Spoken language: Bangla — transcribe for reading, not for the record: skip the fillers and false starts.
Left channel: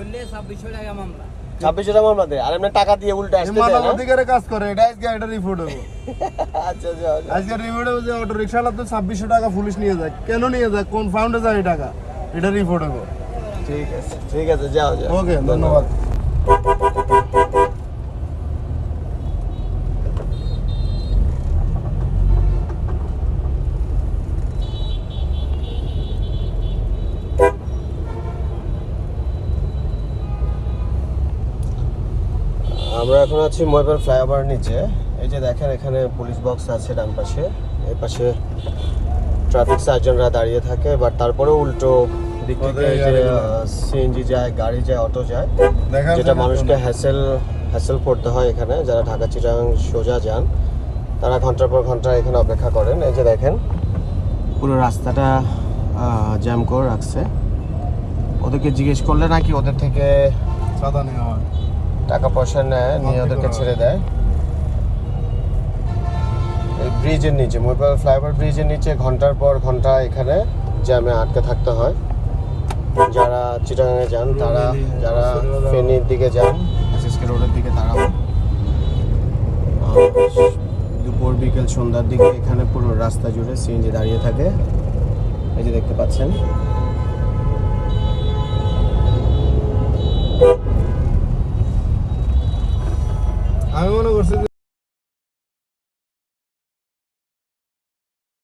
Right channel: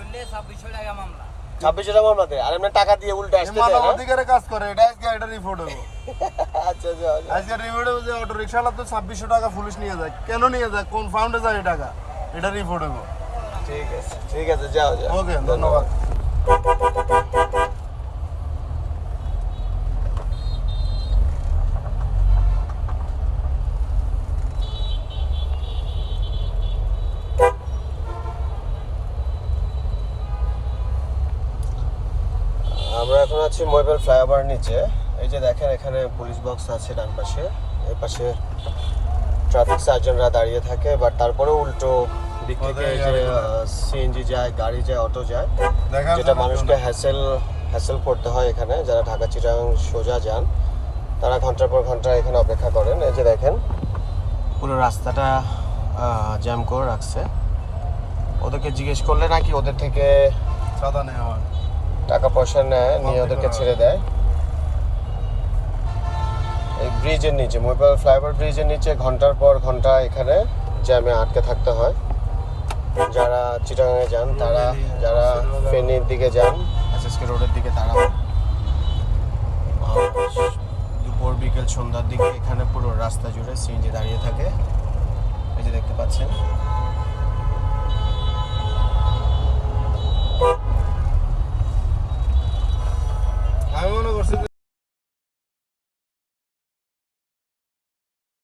ধরলে 2600 টাকা মামলা। 2600 টাকা মামলা দেয় আর এমনি টাকা দিয়ে উল্টো আসতে এই মানব অধিকারে কাজ করে, এটা আজকে এটা রিপোর্ট হবো। আচ্ছা আজকে রিপোর্ট হবে যে অটো রিক্সাওয়ালা তো 2600 টাকা পুলিশ নিয়ে যায়, কেন নিয়ে যায়, কোন ফাউন্ডে যায় এই টাকা, এটা রিপোর্ট হবো। ঠিক আছে যাও যাও। ওকে, ধন্যবাদ। আমরা এখন আছি ময়পাল ফ্লাইওভার নিচে। এই যে দেখেন এখানে পুলিশ বক্স আছে ডান পাশে, এই পাশে ট্রাফিক সার্জনরা দাঁড়িয়ে থাকে, বাট তারপরেও উল্টো দিক থেকে সিএনজি যায়, গাড়ি যায়, অটো যায়, যেটা মানুষকে হ্যাসেল করতে হয়। এখানে যারা ঢাকা চিটাগাং সোজা যান তারা ঘন্টার পর ঘন্টা এখানে অপেক্ষা করেন। এই যে দেখেন পুরো রাস্তাটা জ্যাম করে রাখছে। ওদেরকে জিজ্ঞেস করলে নাকি ওদের থেকে সাদা নেওয়া হয়, টাকা পয়সা নেয়, নিয়ে ওদেরকে ছেড়ে দেয়। এই ব্রিজের নিচে, ময়পাল ফ্লাইওভার ব্রিজের নিচে ঘন্টার পর ঘন্টা এখানে জ্যামে আটকে থাকতে হয়। যারা চিটাগাঙে যান, তারা যারা ফেনীর দিকে যান, এসএসকে রোডের দিকে, তারা দুপুর বিকেল সন্ধ্যার দিকে এখানে পুরো রাস্তা জুড়ে সিএনজি দাঁড়িয়ে থাকে। এই যে দেখতে পাচ্ছেন।